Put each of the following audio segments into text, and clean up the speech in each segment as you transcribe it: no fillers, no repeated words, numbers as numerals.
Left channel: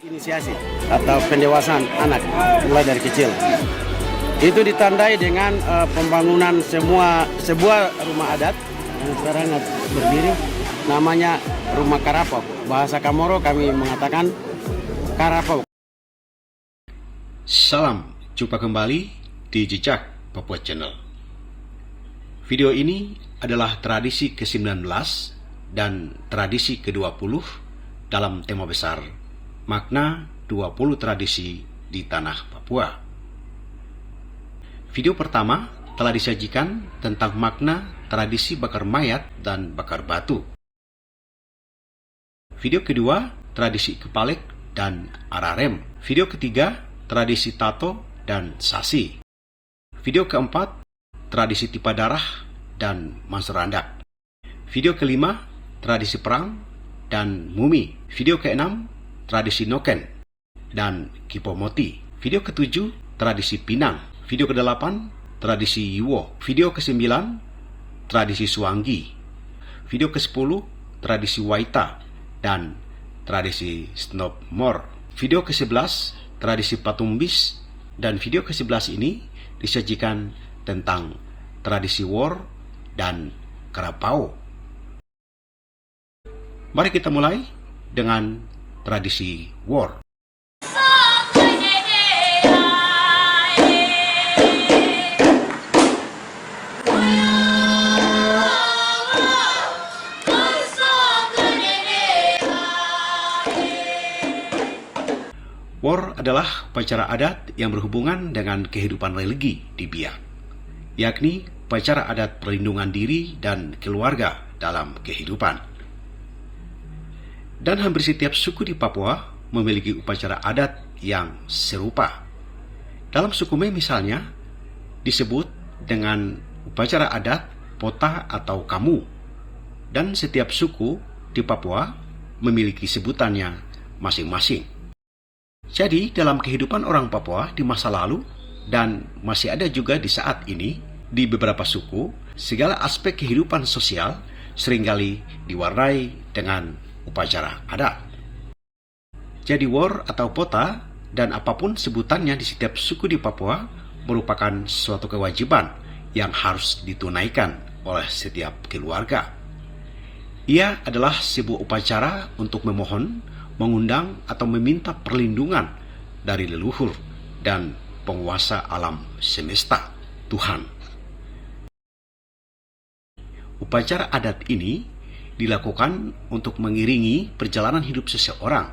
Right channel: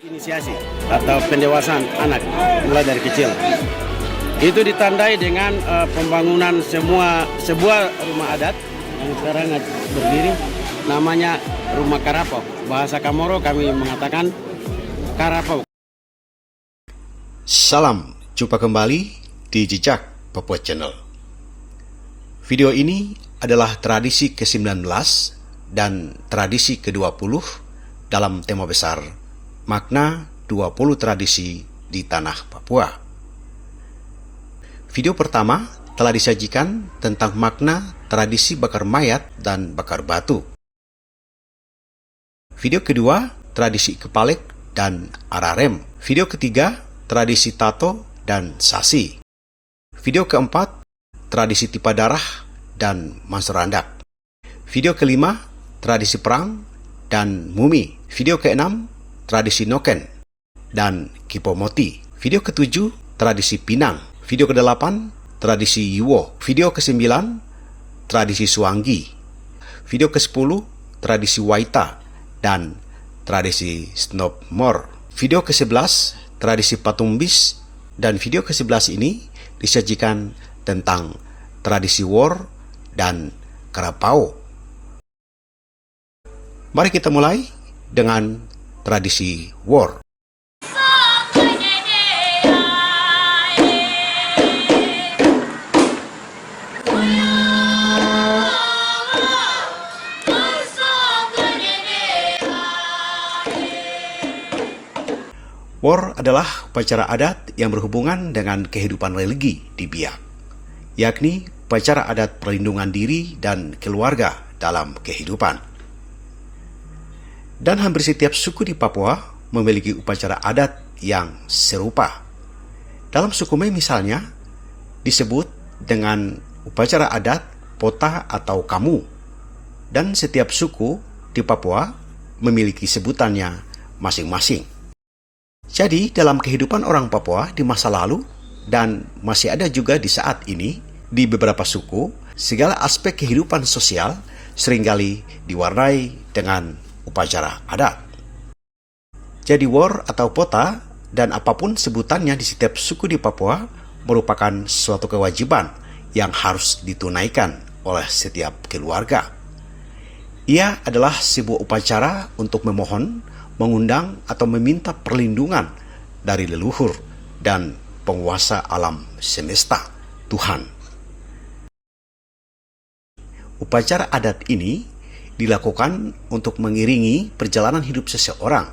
Inisiasi atau pendewasaan anak mulai dari kecil itu ditandai dengan pembangunan sebuah rumah adat yang sekarang berdiri, namanya Rumah Karapau. Bahasa Kamoro kami mengatakan Karapau. Salam, jumpa kembali di Jejak Papua Channel. Video ini adalah tradisi ke-19 dan tradisi ke-20 dalam tema besar makna 20 tradisi di tanah Papua. Video pertama telah disajikan tentang makna tradisi bakar mayat dan bakar batu. Video kedua, tradisi kepalek dan ararem. Video ketiga, tradisi tato dan sasi. Video keempat, tradisi tipa darah dan maserandak. Video kelima, tradisi perang dan mumi. Video keenam, tradisi noken dan kipomoti. Video ketujuh, tradisi pinang. Video ke-8, tradisi yuwo. Video ke-9, tradisi suanggi. Video ke-10, tradisi waita dan tradisi snopmor. Video ke-11, tradisi patumbis. Dan video ke-11 ini disajikan tentang tradisi wor dan karapau. Mari kita mulai dengan tradisi wor. Wor adalah upacara adat yang berhubungan dengan kehidupan religi di Biak, yakni upacara adat perlindungan diri dan keluarga dalam kehidupan. Dan hampir setiap suku di Papua memiliki upacara adat yang serupa. Dalam suku Mei misalnya, disebut dengan upacara adat pota atau kamu. Dan setiap suku di Papua memiliki sebutannya masing-masing. Jadi, dalam kehidupan orang Papua di masa lalu dan masih ada juga di saat ini, di beberapa suku, segala aspek kehidupan sosial seringkali diwarnai dengan upacara adat. Jadi, wor atau pota dan apapun sebutannya di setiap suku di Papua merupakan suatu kewajiban yang harus ditunaikan oleh setiap keluarga. Ia adalah sebuah upacara untuk memohon, mengundang atau meminta perlindungan dari leluhur dan penguasa alam semesta, Tuhan. Upacara adat ini dilakukan untuk mengiringi perjalanan hidup seseorang,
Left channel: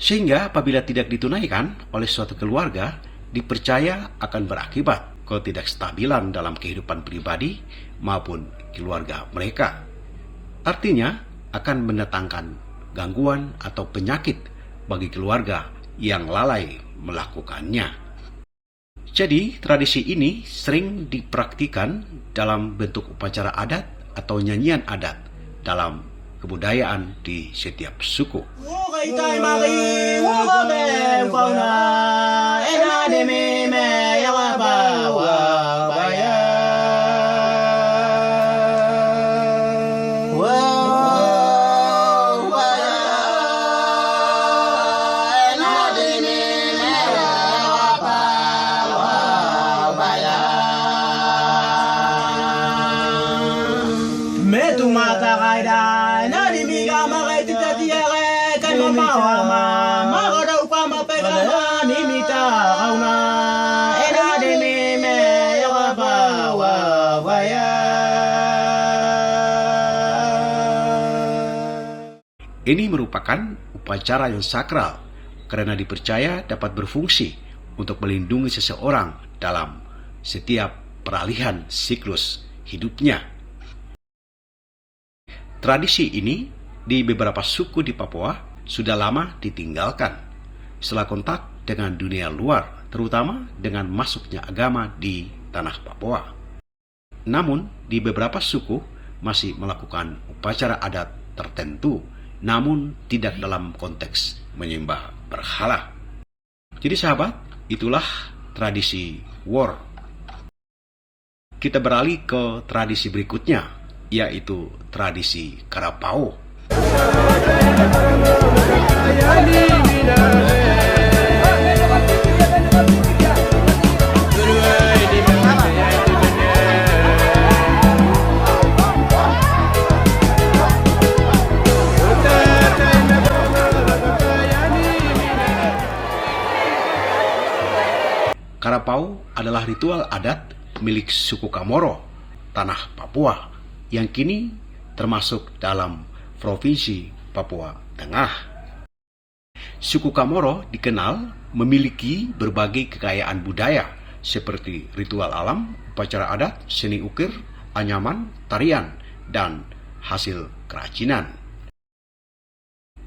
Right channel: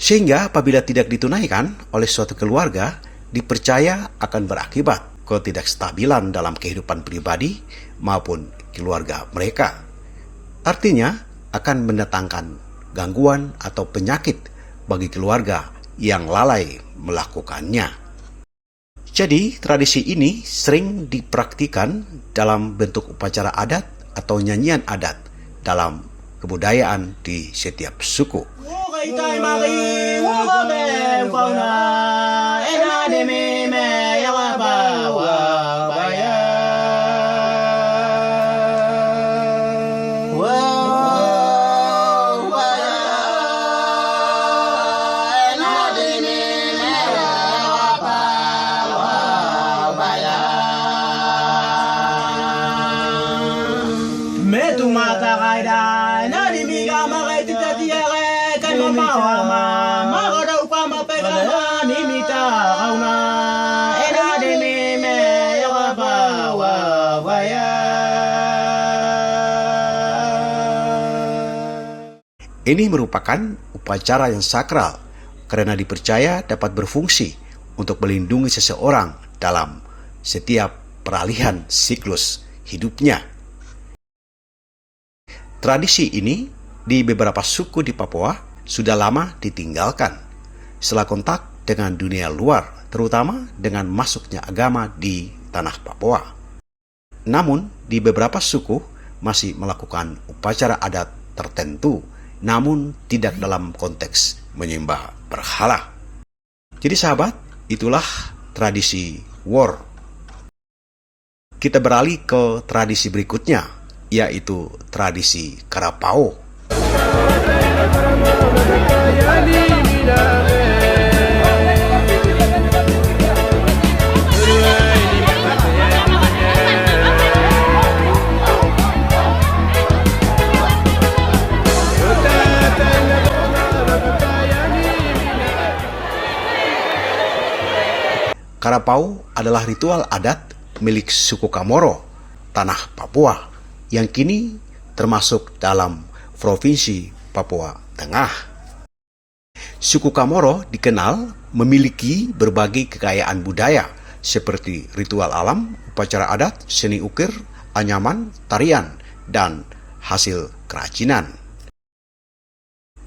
sehingga apabila tidak ditunaikan oleh suatu keluarga, dipercaya akan berakibat ketidakstabilan dalam kehidupan pribadi maupun keluarga mereka. Artinya akan mendatangkan gangguan atau penyakit bagi keluarga yang lalai melakukannya. Jadi, tradisi ini sering dipraktikkan dalam bentuk upacara adat atau nyanyian adat dalam kebudayaan di setiap suku. Ini merupakan upacara yang sakral karena dipercaya dapat berfungsi untuk melindungi seseorang dalam setiap peralihan siklus hidupnya. Tradisi ini di beberapa suku di Papua sudah lama ditinggalkan setelah kontak dengan dunia luar, terutama dengan masuknya agama di tanah Papua. Namun, di beberapa suku masih melakukan upacara adat tertentu, namun tidak dalam konteks menyembah berhala. Jadi sahabat, itulah tradisi Wor. Kita beralih ke tradisi berikutnya, yaitu tradisi Karapau. Karapau adalah ritual adat milik suku Kamoro, tanah Papua, yang kini termasuk dalam Provinsi Papua Tengah. Suku Kamoro dikenal memiliki berbagai kekayaan budaya seperti ritual alam, upacara adat, seni ukir, anyaman, tarian, dan hasil kerajinan.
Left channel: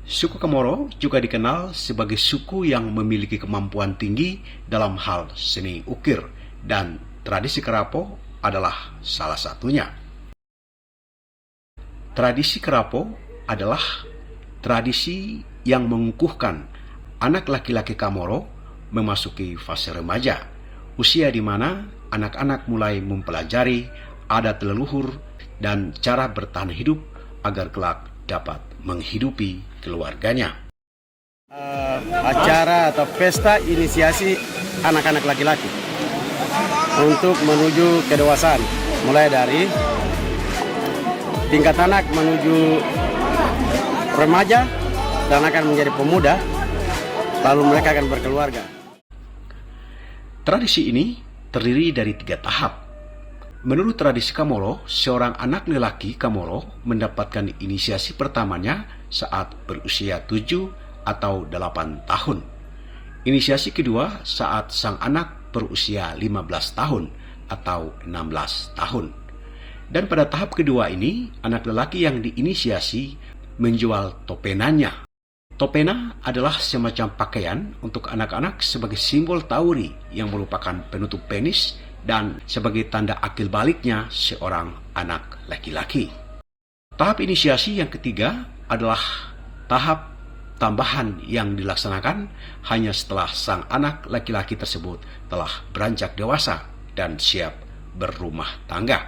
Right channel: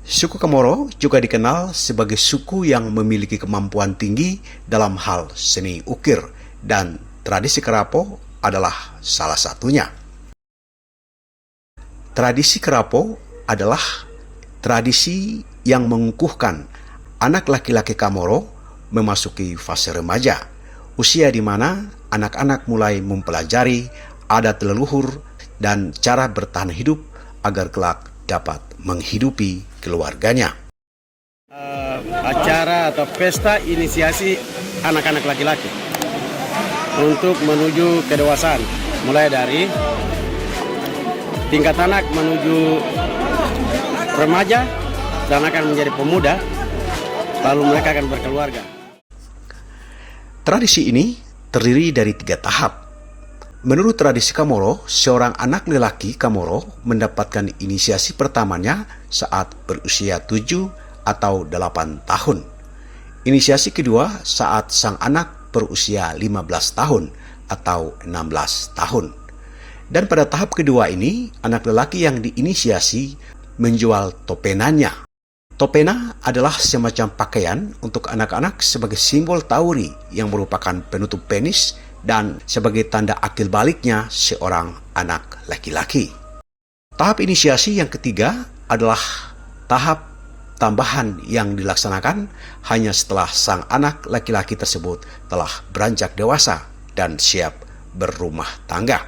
Suku Kamoro juga dikenal sebagai suku yang memiliki kemampuan tinggi dalam hal seni ukir, dan tradisi Karapau adalah salah satunya. Tradisi Karapau adalah tradisi yang mengukuhkan anak laki-laki Kamoro memasuki fase remaja, usia di mana anak-anak mulai mempelajari adat leluhur dan cara bertahan hidup agar kelak dapat menghidupi keluarganya. Acara atau pesta inisiasi anak-anak laki-laki untuk menuju kedewasaan, mulai dari tingkat anak menuju remaja dan akan menjadi pemuda, lalu mereka akan berkeluarga. Tradisi ini terdiri dari 3 tahap. Menurut tradisi Kamoro, seorang anak lelaki Kamoro mendapatkan inisiasi pertamanya saat berusia 7 atau 8 tahun. Inisiasi kedua saat sang anak berusia 15 tahun atau 16 tahun. Dan pada tahap kedua ini, anak lelaki yang diinisiasi menjual topenanya. Topena adalah semacam pakaian untuk anak-anak sebagai simbol tauri yang merupakan penutup penis dan sebagai tanda akil baliknya seorang anak laki-laki. Tahap inisiasi yang ketiga adalah tahap tambahan yang dilaksanakan hanya setelah sang anak laki-laki tersebut telah beranjak dewasa dan siap berumah tangga.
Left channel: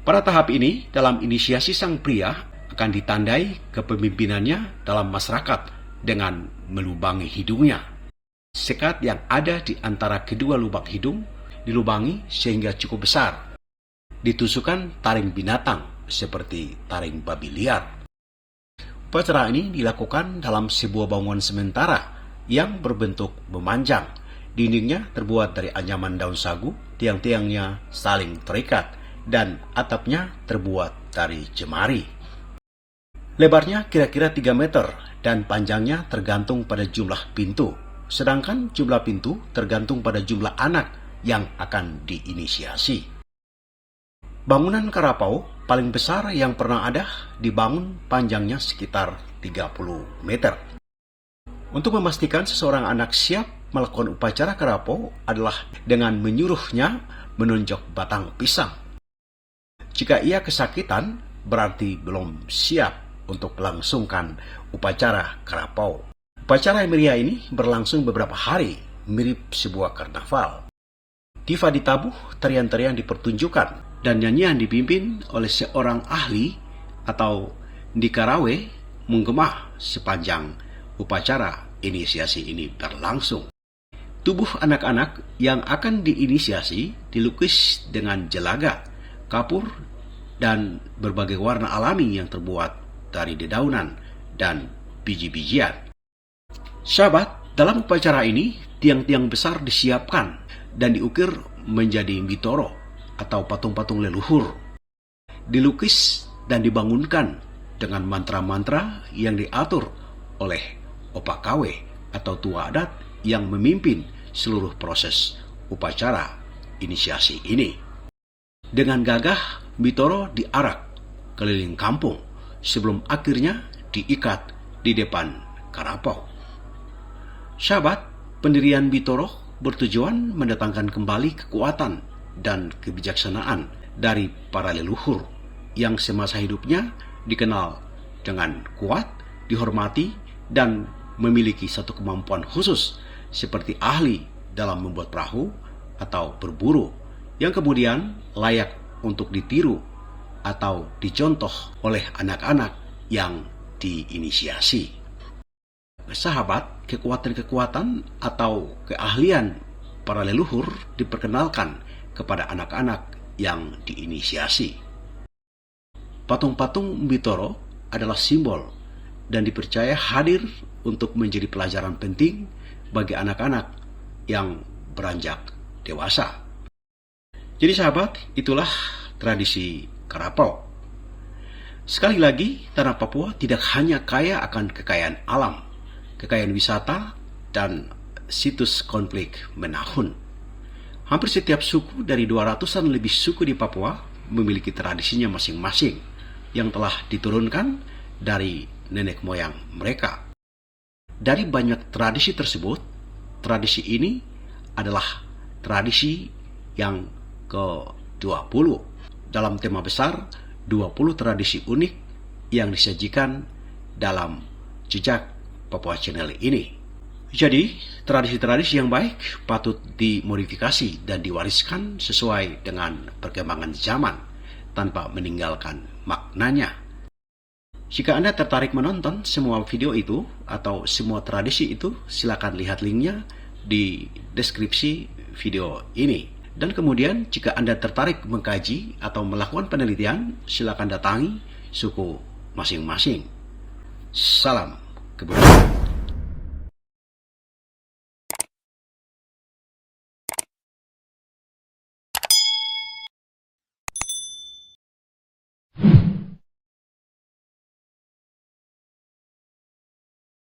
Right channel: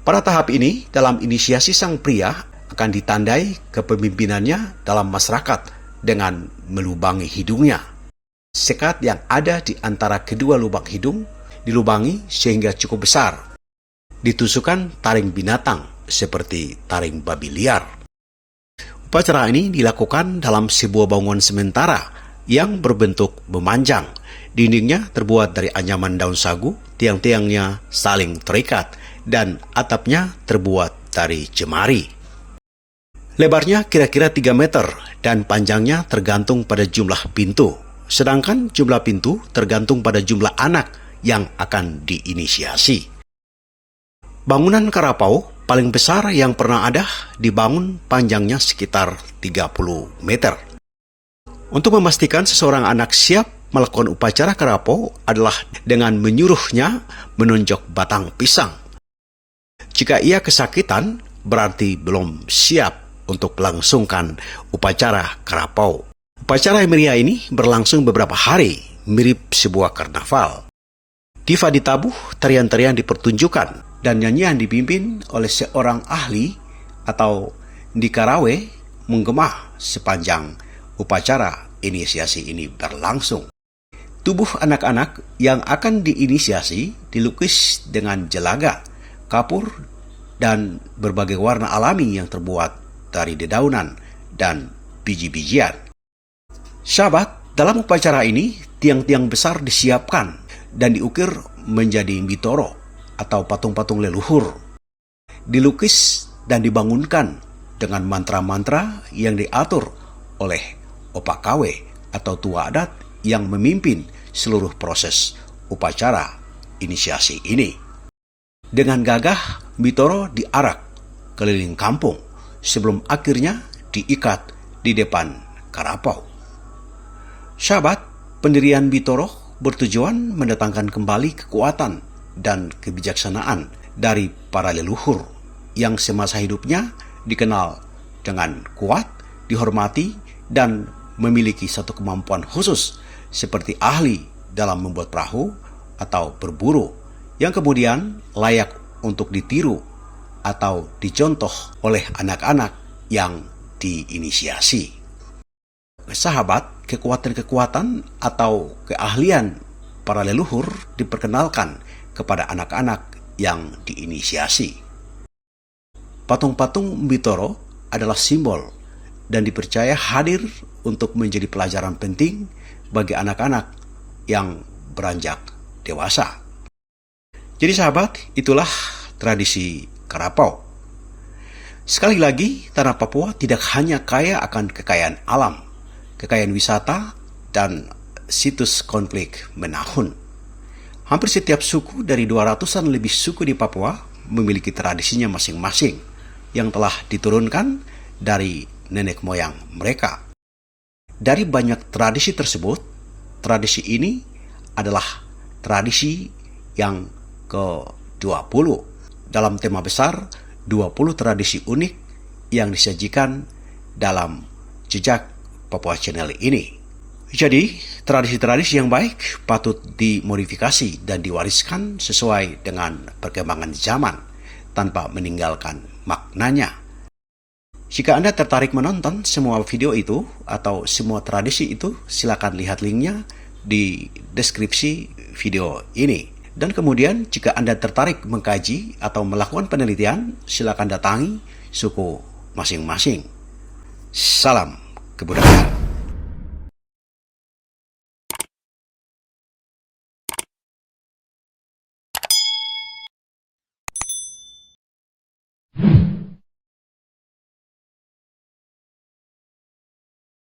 Pada tahap ini, dalam inisiasi sang pria akan ditandai kepemimpinannya dalam masyarakat dengan melubangi hidungnya. Sekat yang ada di antara kedua lubang hidung dilubangi sehingga cukup besar. Ditusukkan taring binatang seperti taring babi liar. Upacara ini dilakukan dalam sebuah bangunan sementara yang berbentuk memanjang. Dindingnya terbuat dari anyaman daun sagu, tiang-tiangnya saling terikat, dan atapnya terbuat dari jemari. Lebarnya kira-kira 3 meter dan panjangnya tergantung pada jumlah pintu. Sedangkan jumlah pintu tergantung pada jumlah anak yang akan diinisiasi. Bangunan Karapau paling besar yang pernah ada dibangun panjangnya sekitar 30 meter. Untuk memastikan seseorang anak siap melakukan upacara Karapau adalah dengan menyuruhnya menunjuk batang pisang. Jika ia kesakitan, berarti belum siap untuk melangsungkan upacara Karapau. Upacara yang meriah ini berlangsung beberapa hari, mirip sebuah karnaval. Diva ditabuh, tarian-tarian dipertunjukkan, dan nyanyian dipimpin oleh seorang ahli atau Ndikarawe menggema sepanjang upacara inisiasi ini berlangsung. Tubuh anak-anak yang akan diinisiasi dilukis dengan jelaga, kapur, dan berbagai warna alami yang terbuat dari dedaunan dan biji-bijian. Sahabat, dalam upacara ini tiang-tiang besar disiapkan dan diukir menjadi mitoro atau patung-patung leluhur. Dilukis dan dibangunkan dengan mantra-mantra yang diatur oleh opakawe atau tua adat yang memimpin seluruh proses upacara inisiasi ini. Dengan gagah, mitoro diarak keliling kampung sebelum akhirnya diikat di depan Karapau. Sahabat, pendirian mitoro bertujuan mendatangkan kembali kekuatan dan kebijaksanaan dari para leluhur yang semasa hidupnya dikenal dengan kuat, dihormati, dan memiliki satu kemampuan khusus seperti ahli dalam membuat perahu atau berburu yang kemudian layak untuk ditiru atau dicontoh oleh anak-anak yang diinisiasi. Sahabat, kekuatan-kekuatan atau keahlian para leluhur diperkenalkan kepada anak-anak yang diinisiasi. Patung-patung Mbitoro adalah simbol dan dipercaya hadir untuk menjadi pelajaran penting bagi anak-anak yang beranjak dewasa. Jadi sahabat, itulah tradisi Karapau. Sekali lagi, tanah Papua tidak hanya kaya akan kekayaan alam, kekayaan wisata, dan situs konflik menahun. Hampir setiap suku dari 200-an lebih suku di Papua memiliki tradisinya masing-masing yang telah diturunkan dari nenek moyang mereka. Dari banyak tradisi tersebut, tradisi ini adalah tradisi yang ke-20 dalam tema besar 20 tradisi unik yang disajikan dalam Jejak Papua Channel ini. Jadi, tradisi-tradisi yang baik patut dimodifikasi dan diwariskan sesuai dengan perkembangan zaman tanpa meninggalkan maknanya. Jika Anda tertarik menonton semua video itu atau semua tradisi itu, silakan lihat linknya di deskripsi video ini. Dan kemudian jika Anda tertarik mengkaji atau melakukan penelitian, silakan datangi suku masing-masing. Salam keberuntungan.